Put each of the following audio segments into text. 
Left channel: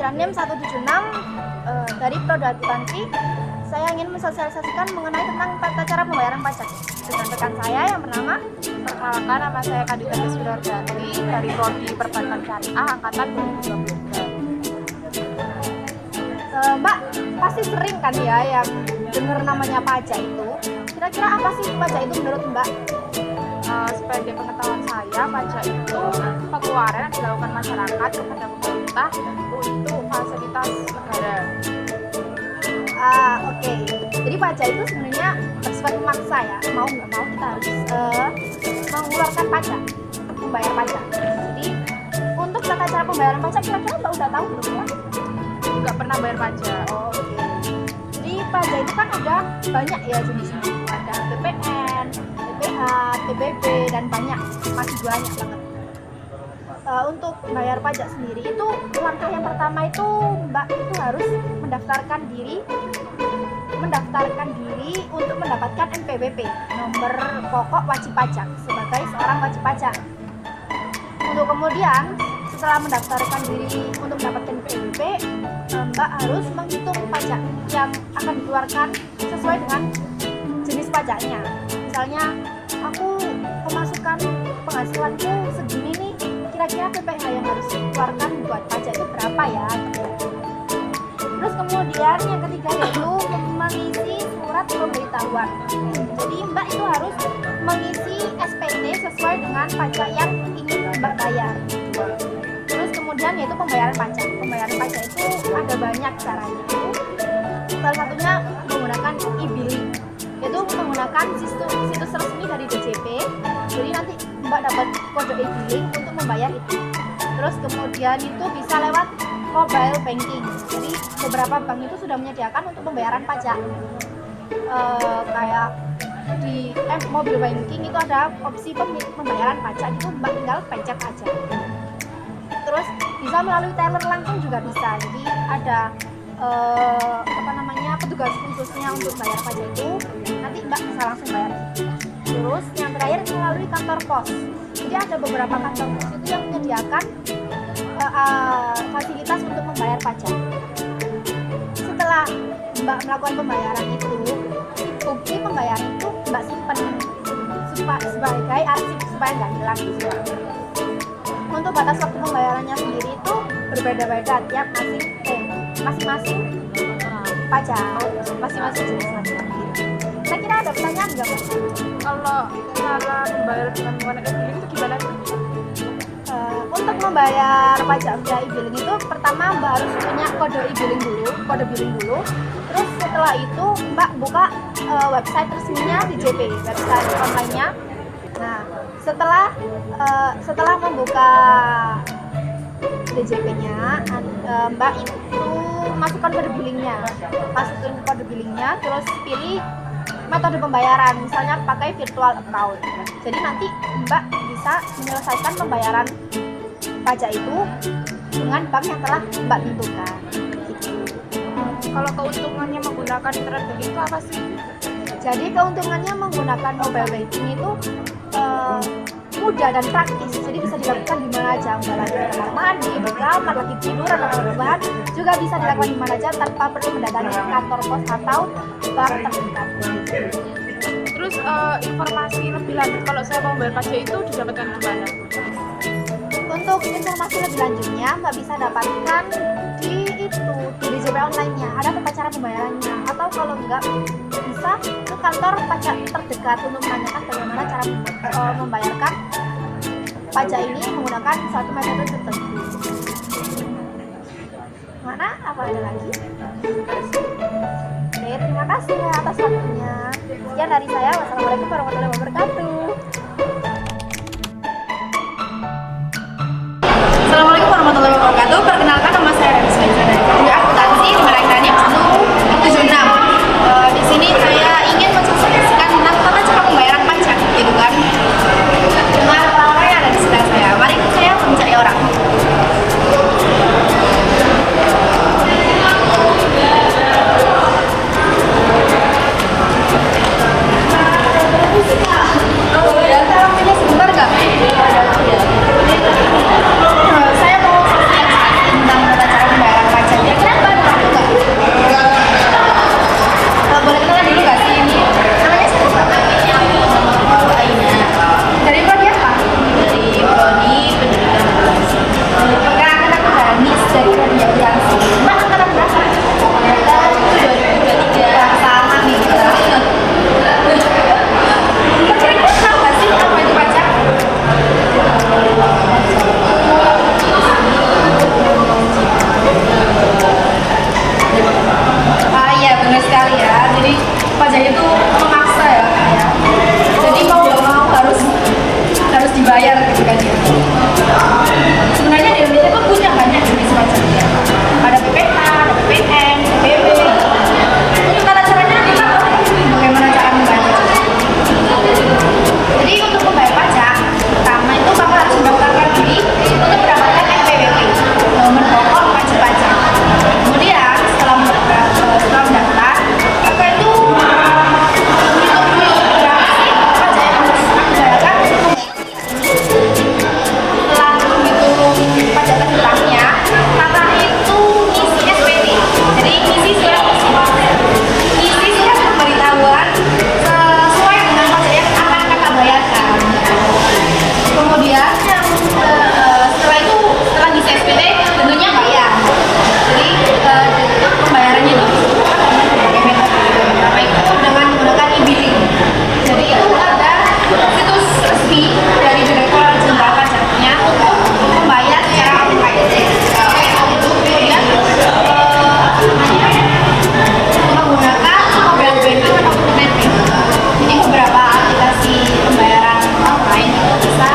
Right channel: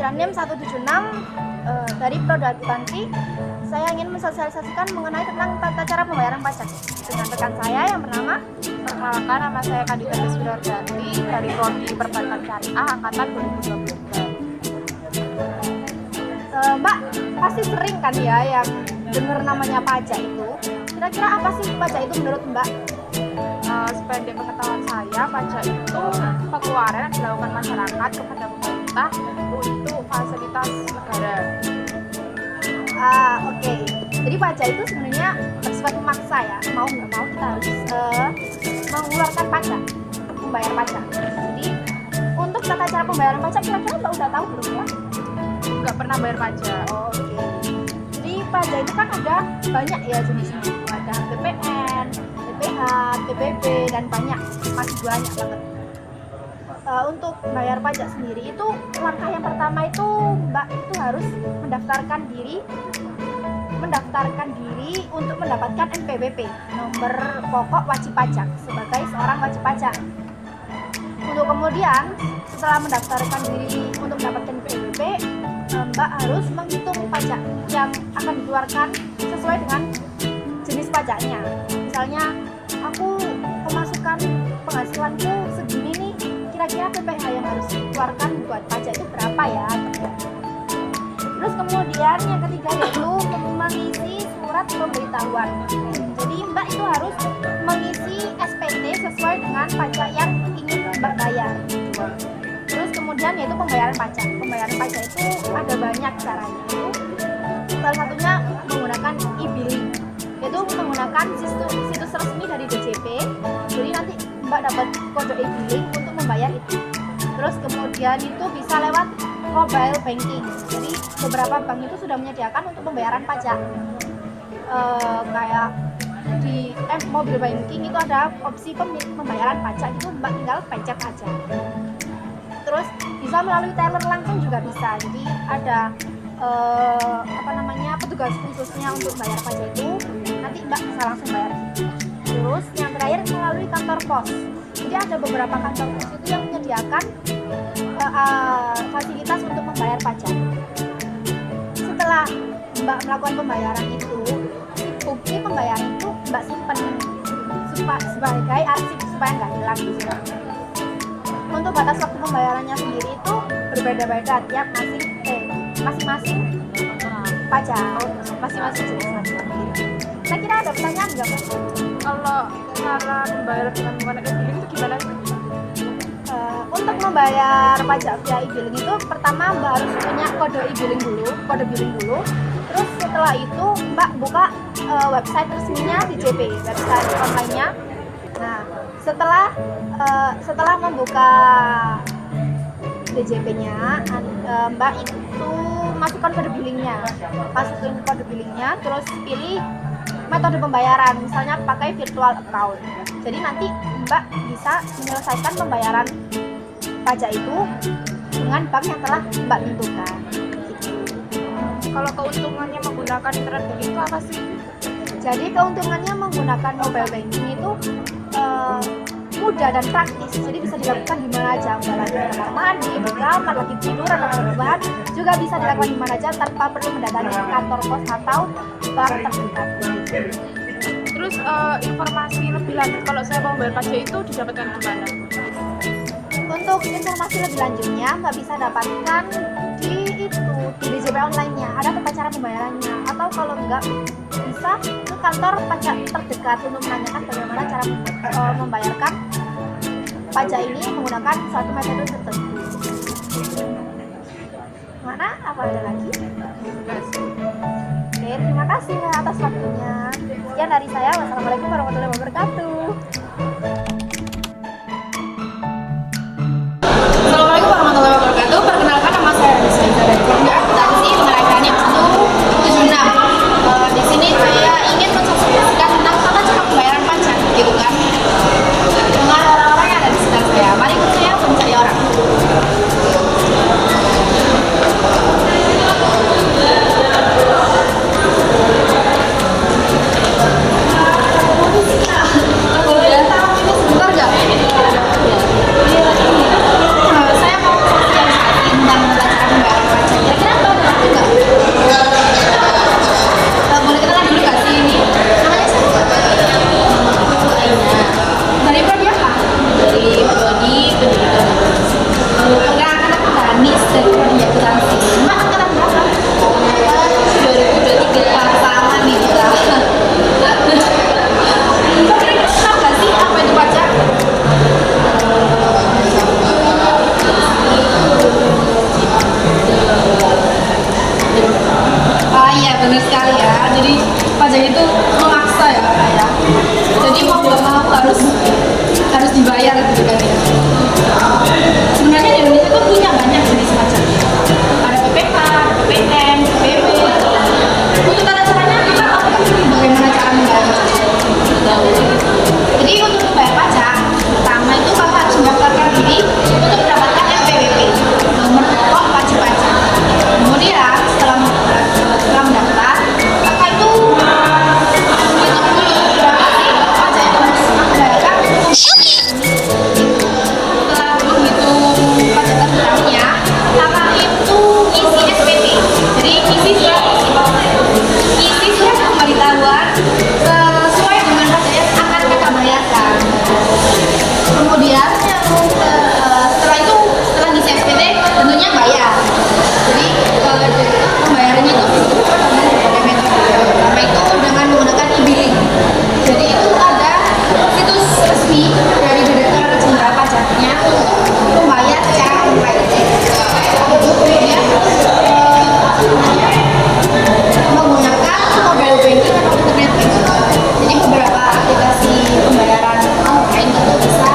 pelajaran NIM 176 dari Prodi Akuntansi. Saya ingin mensosialisasikan mengenai tentang tata cara pembayaran pajak dengan rekan saya yang bernama. Perkenalkan, nama saya Kadita Deswinarjanti dari Prodi Perbankan Syariah Angkatan 2022. Mbak pasti sering kan ya yang dengar namanya pajak itu. Kira-kira apa sih pajak itu menurut Mbak? Sependek pengetahuan saya, pajak itu pengeluaran yang dilakukan masyarakat kepada pemerintah untuk fasilitas negara. Oke. Jadi pajak itu sebenarnya bersifat memaksa ya. Mau nggak mau kita harus mengeluarkan pajak, membayar pajak. Jadi untuk tata cara pembayaran pajak kira-kira Mbak udah tahu belum ya? Nggak pernah bayar pajak. Oke. Jadi pajak itu kan ada banyak ya jenisnya. Ada PPN, PPH, TPB dan masih banyak banget. Untuk bayar pajak sendiri itu langkah yang pertama itu Mbak itu harus mendaftarkan diri untuk mendapatkan NPWP, nomor pokok wajib pajak, sebagai seorang wajib pajak. Untuk kemudian setelah mendaftarkan diri untuk mendapatkan NPWP, Mbak harus menghitung pajak yang akan dikeluarkan sesuai dengan jenis pajaknya. Misalnya aku pemasukan penghasilanku segini nih, kira-kira PPh yang harus dikeluarkan buat pajak itu berapa ya? Terus kemudian yang ketiga yaitu mengisi surat pemberitahuan. Jadi Mbak itu harus mengisi SPT sesuai dengan pajak yang ingin Mbak bayar. Terus kemudian yaitu pembayaran pajak. Pembayaran pajak itu ada banyak caranya. Salah satunya menggunakan e-billing, yaitu menggunakan situs resmi dari DJP. Jadi nanti Mbak dapat kode e-billing untuk membayar itu. Terus kemudian itu bisa lewat mobile banking. Jadi beberapa bank itu sudah menyediakan untuk pembayaran pajak. Kayak di mobile banking itu ada opsi pembayaran pajak, itu Mbak tinggal pencet aja. Terus bisa melalui teller langsung juga bisa. Jadi ada petugas khususnya untuk bayar pajak itu, nanti Mbak bisa langsung bayar. Terus yang terakhir melalui kantor pos. Jadi ada beberapa kantor pos itu yang menyediakan fasilitas untuk membayar pajak. Setelah Mbak melakukan pembayaran itu, bukti pembayaran itu Mbak simpen sebagai arsip supaya nggak hilang gitu. Untuk batas waktu pembayarannya sendiri itu berbeda-beda tiap masing-masing pajak, masing-masing jenis pajak. Saya kira ada pertanyaan nggak Mbak? Kalau cara membayar dengan menggunakan e-billing itu gimana sih? Untuk membayar pajak via e-billing itu pertama Mbak harus punya kode billing dulu. Terus setelah itu Mbak buka website resminya DJP, website online-nya. Nah, setelah membuka DJP-nya, Mbak itu masukkan kode billingnya, terus pilih metode pembayaran, misalnya pakai virtual account. Jadi nanti Mbak bisa menyelesaikan pembayaran pajak itu dengan bank yang telah Mbak tentukan. Kalau keuntungannya menggunakan internet banking itu apa sih? Jadi keuntungannya menggunakan mobile banking itu mudah dan praktis. Jadi bisa dilakukan di mana aja, Mbak lagi di kamar mandi, di kamar, lagi tiduran, atau rebahan, juga bisa dilakukan di mana aja tanpa perlu mendatangi kantor pos atau bank terdekat. Terus informasi lebih lanjut kalau saya mau bayar pajak itu didapatkan di mana? Untuk informasi lebih lanjutnya Mbak bisa dapatkan di DJP online-nya, ada tata cara pembayarannya, atau kalau enggak bisa ke kantor pajak terdekat untuk menanyakan bagaimana cara membayarkan pajak ini menggunakan suatu metode tertentu. Mana? Apa ada lagi? Oke, terima kasih atas waktunya. Sekian dari saya. Wassalamualaikum warahmatullahi wabarakatuh. Assalamualaikum warahmatullahi wabarakatuh. Perkenalkan, nama saya Deswinarjanti dari Prodi Akuntansi dengan ranking NIM 176. Di sini saya ingin mensosialisasikan tentang tata cara pembayaran pajak, gitu kan, dengan orang-orang yang ada di sekitar saya. Mari ikut saya untuk mencari orang. Oke. itu memaksa ya Kak ya. Jadi mau nggak mau harus dibayar gitu kan ya. Sebenarnya di Indonesia tuh punya banyak jenis pajak. Ada PPK, ada PPN, PPB. Untuk tata caranya kita tahu nggak bagaimana cara membayar pajak? Jadi untuk membayar pajak, pertama itu Kakak harus mendaftarkan diri untuk mendapatkan NPWP, nomor pokok wajib pajak. Kemudian setelah mendaftar, Kakak itu hitung dulu berapa sih pajak yang harus aku bayarkan untuk setelah menghitung pajak terhutangnya, Kakak itu isi SPT. Jadi isi surat pemberitahuan sesuai dengan pajak yang akan Kakak bayarkan. Kemudian setelah itu setelah ngisi SPT tentunya bayar. Jadi pembayarannya itu dengan berbagai metode. Pertama itu dengan menggunakan e-billing. Jadi itu ada situs resmi dari Direktorat Jenderal Pajaknya untuk membayar secara online. Kemudian menggunakan mobile banking atau internet banking. Jadi beberapa aplikasi pembayaran online itu bisa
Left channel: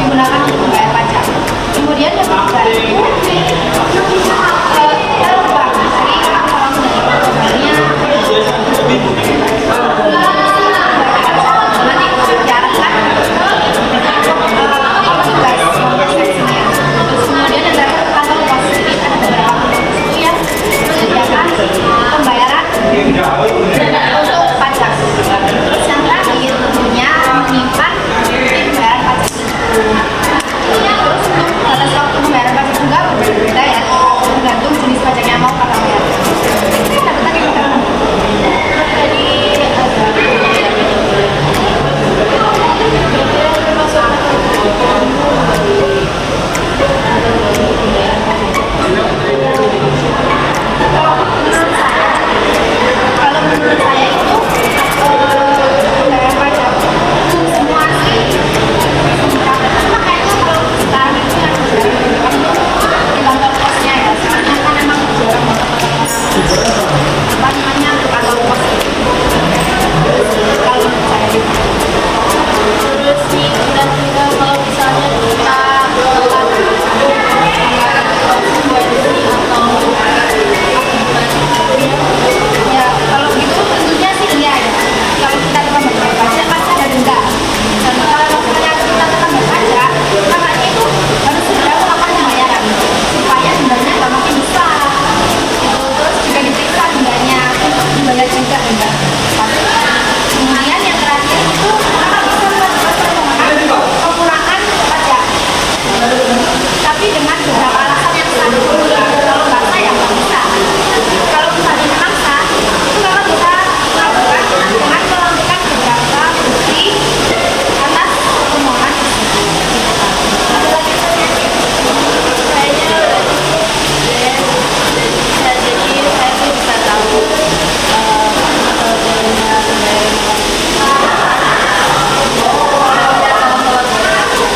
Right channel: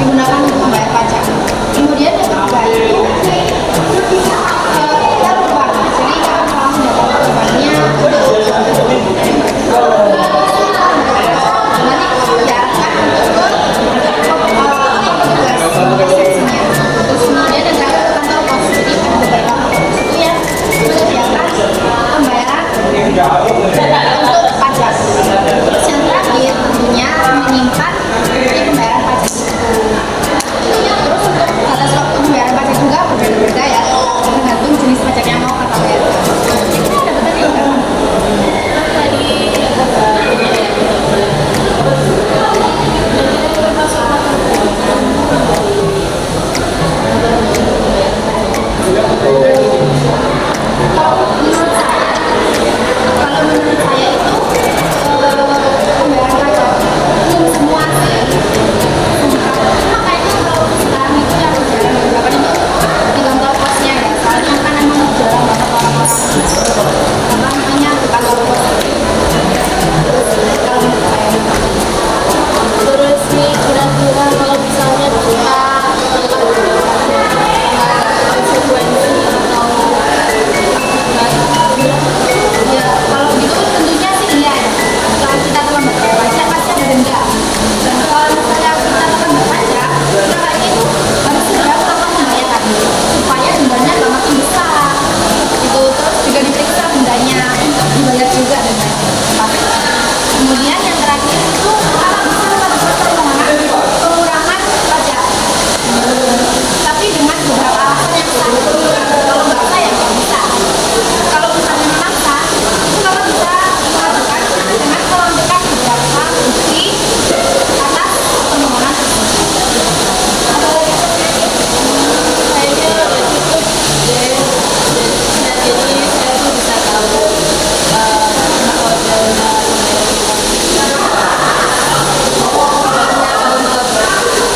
digunakan untuk membayar pajak. Kemudian yang ketiga itu terbang. Jadi kalau terbangnya nanti diarahkan terus kemudian ada kantor pos. Jadi ada beberapa itu yang menyediakan pembayaran untuk pajak. Terus yang terakhir tentunya menyimpan di pembayaran pajak itu. Terus untuk batas waktu pembayaran pajak juga berbeda ya, tergantung jenis pajak yang mau Kakak bayar. Ini ada betul di Kakak? Tadi ada ya betul. Termasuk kalau menurut saya itu pembayaran pajak belum semua sih. Makanya kalau sekarang itu yang jarang digunakan itu di kantor posnya ya. Soalnya kan emang jarang banget orang-orang ke kantor pos. Kalau menurut saya itu. Terus nih kira-kira kalau misalnya kita konsekuensi atau akibat ya kalau gitu tentunya sih iya ya. Kalau kita terlambat bayar pajak pasti ada denda. Dan kalau misalnya kita terlambat pajak, makanya itu harus segera melakukan pembayaran supaya dendanya nggak makin besar. Itu terus juga diperiksa dendanya untuk dibayar juga denda. Kemudian yang terakhir itu Kakak bisa mengajukan permohonan pengurangan pajak. Tapi dengan beberapa alasan yang sah. Kalau nggak sah ya nggak bisa. Kalau misalnya memang sah, itu Kakak bisa melakukan dengan melampirkan beberapa bukti atas permohonan tersebut. Ada lagi pertanyaan? Kayaknya udah cukup deh. Jadi saya tuh bisa tahu metodenya pembayaran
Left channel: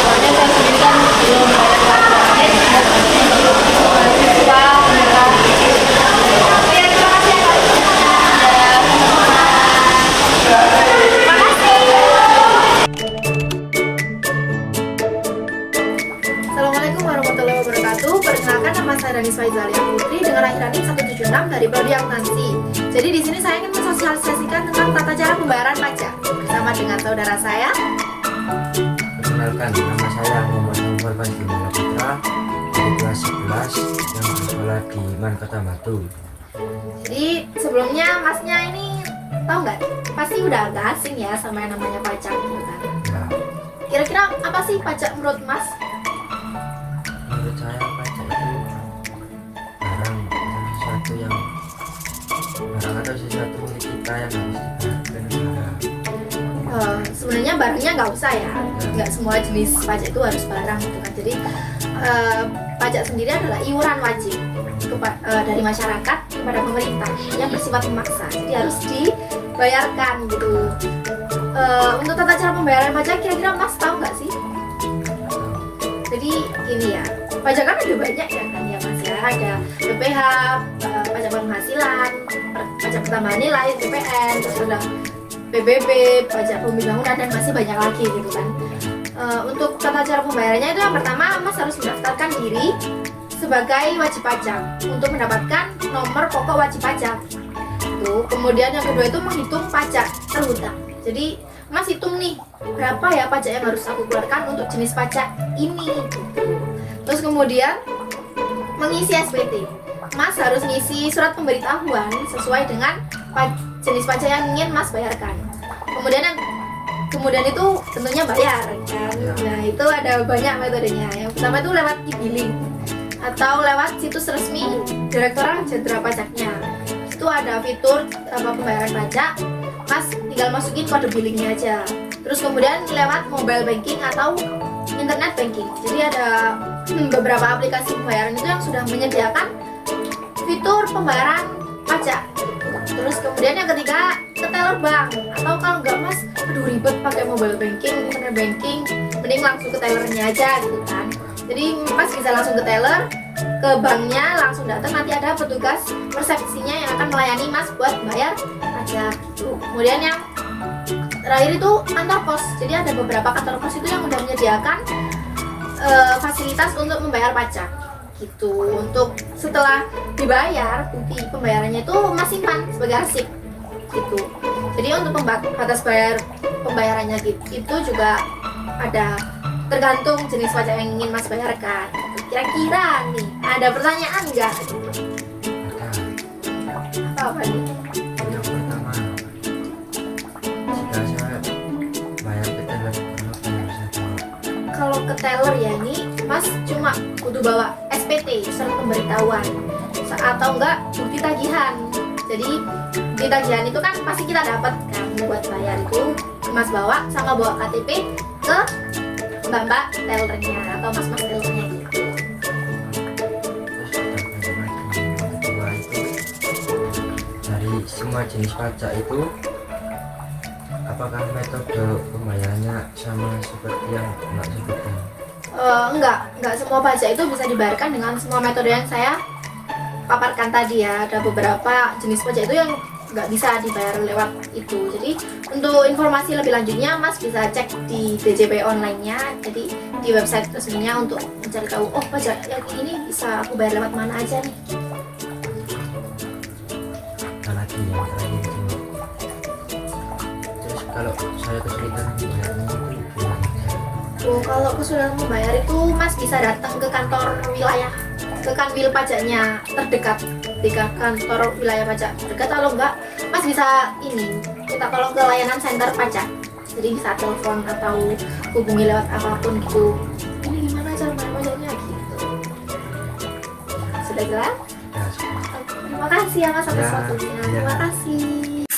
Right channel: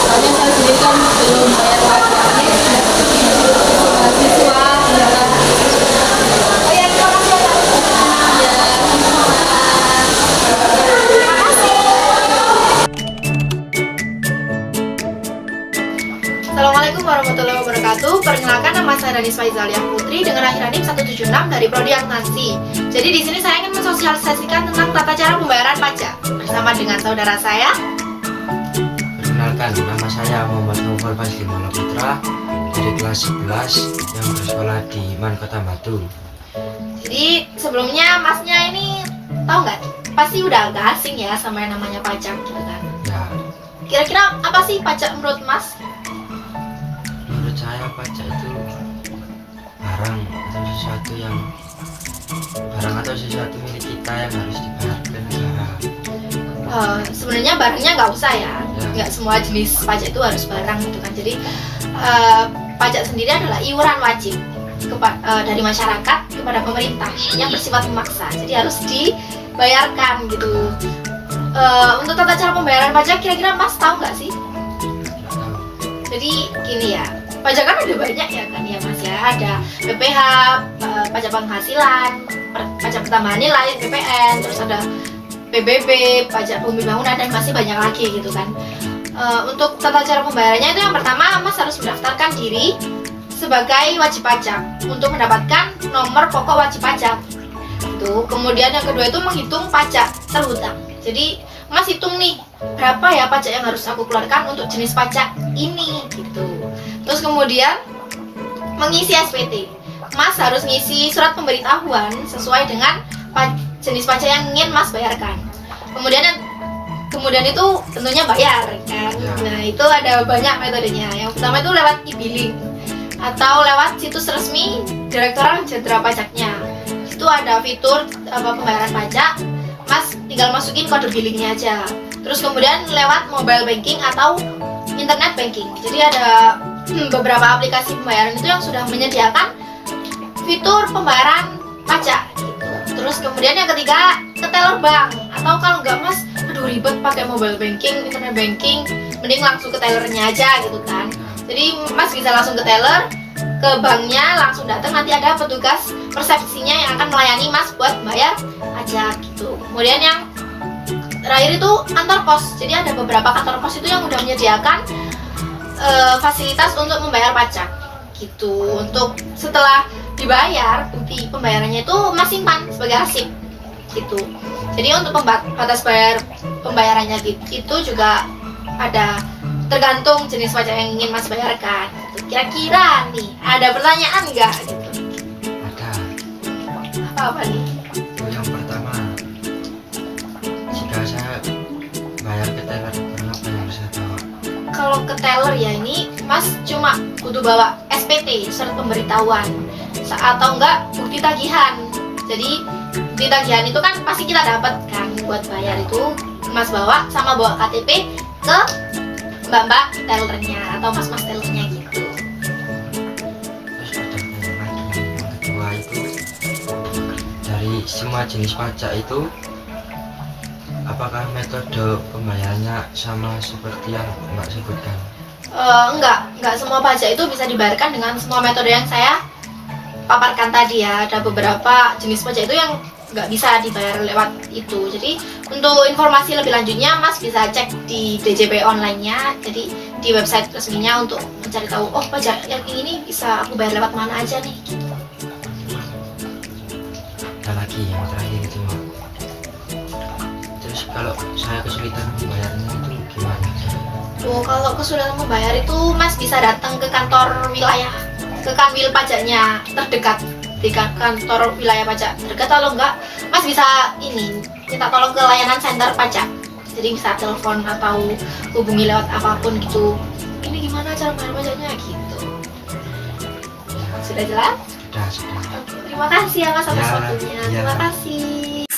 soalnya saya sendiri kan belum bayar pajak mahasiswa pemerintah. Ya terima kasih ya Kak. Ya sama-sama. Terima kasih. Assalamualaikum warahmatullahi wabarakatuh. Perkenalkan nama saya Danis Faizalia Putri dengan akhiran NIM 176 dari Prodi Akuntansi. Jadi di sini saya ingin mensosialisasikan tentang tata cara pembayaran pajak bersama dengan saudara saya. Perkenalkan, nama saya Muhammad Novel Faslimala Putra dari kelas 11 yang bersekolah di Man Kota Batu. Jadi sebelumnya masnya ini tahu nggak? Pasti udah agak asing ya sama yang namanya pajak gitu kan. Ya, Kira-kira apa sih pajak menurut Mas? menurut saya pajak itu barang atau sesuatu milik kita yang harus dibayar ke negara. Sebenarnya barangnya nggak usah ya, nggak semua jenis pajak itu harus barang gitu kan. Jadi pajak sendiri adalah iuran wajib dari masyarakat kepada pemerintah yang bersifat memaksa, jadi harus dibayarkan gitu. Untuk tata cara pembayaran pajak kira-kira Mas tahu nggak sih? Jadi gini ya, pajak kan ada banyak ya kan ya Mas ya. ada PPh, pajak penghasilan, pajak pertambahan nilai, PPN, terus ada PBB, pajak bumi bangunan, dan masih banyak lagi gitu kan. Untuk tata cara pembayarannya itu yang pertama Mas harus mendaftarkan diri sebagai wajib pajak untuk mendapatkan nomor pokok wajib pajak. Tuh, kemudian yang kedua itu menghitung pajak terhutang. Jadi Mas hitung nih berapa ya pajak yang harus aku keluarkan untuk jenis pajak ini gitu. Terus kemudian mengisi SPT. Mas harus ngisi surat pemberitahuan sesuai dengan jenis pajak yang ingin Mas bayarkan. Kemudian itu tentunya bayar kan. Nah, itu ada banyak metodenya. Yang pertama itu lewat e-billing atau lewat situs resmi Direktorat Jenderal Pajaknya. Itu ada fitur pembayaran pajak. Mas tinggal masukin kode billingnya aja. Terus kemudian lewat mobile banking atau internet banking. Jadi ada beberapa aplikasi pembayaran itu yang sudah menyediakan fitur pembayaran pajak gitu. Terus kemudian yang ketiga ke teller bank, atau kalau nggak Mas aduh ribet pakai mobile banking, internet banking, mending langsung ke tellernya aja gitu kan. Jadi Mas bisa langsung ke teller, ke banknya, langsung datang, nanti ada petugas resepsinya yang akan melayani Mas buat bayar pajak gitu. Kemudian yang terakhir itu kantor pos. Jadi ada beberapa kantor pos itu yang udah menyediakan fasilitas untuk membayar pajak gitu. Untuk setelah dibayar, bukti pembayarannya itu Mas simpan sebagai arsip gitu. Jadi untuk batas bayar pembayarannya itu juga ada tergantung jenis pajak yang ingin Mas bayarkan. Kira-kira nih ada pertanyaan nggak gitu? Ada. Apa nih? Yang pertama, jika saya bayar ke teller, berapa yang bisa bawa? Kalau ke teller ya ini Mas cuma butuh bawa SPT, surat pemberitahuan, atau enggak bukti tagihan. Jadi bukti tagihan itu kan pasti kita dapat kan buat bayar, itu Mas bawa sama bawa KTP ke mbak-mbak tellernya atau mas-mas tellernya gitu. Terus ada lagi yang kedua itu, dari semua jenis pajak itu apakah metode pembayarannya sama seperti yang Mbak sebutkan? Enggak semua pajak itu bisa dibayarkan dengan semua metode yang saya paparkan tadi ya. Ada beberapa jenis pajak itu yang nggak bisa dibayar lewat itu. Jadi untuk informasi lebih lanjutnya Mas bisa cek di DJP online-nya, jadi di website resminya untuk mencari tahu oh pajak yang ini bisa aku bayar lewat mana aja nih gitu. Ada lagi yang terakhir itu, terus kalau saya kesulitan membayarnya itu gimana? Oh, kalau kesulitan membayar itu Mas bisa datang ke kantor wilayah, ke kanwil pajaknya terdekat, di kantor wilayah pajak terdekat. Kalau enggak Mas bisa ini minta tolong ke layanan center pajak, jadi bisa telepon atau hubungi lewat apapun gitu, ini gimana cara bayar pajaknya gitu. Sudah jelas? Sudah. Oke, terima kasih ya Mas atas Ya, waktunya. ya. Terima kasih.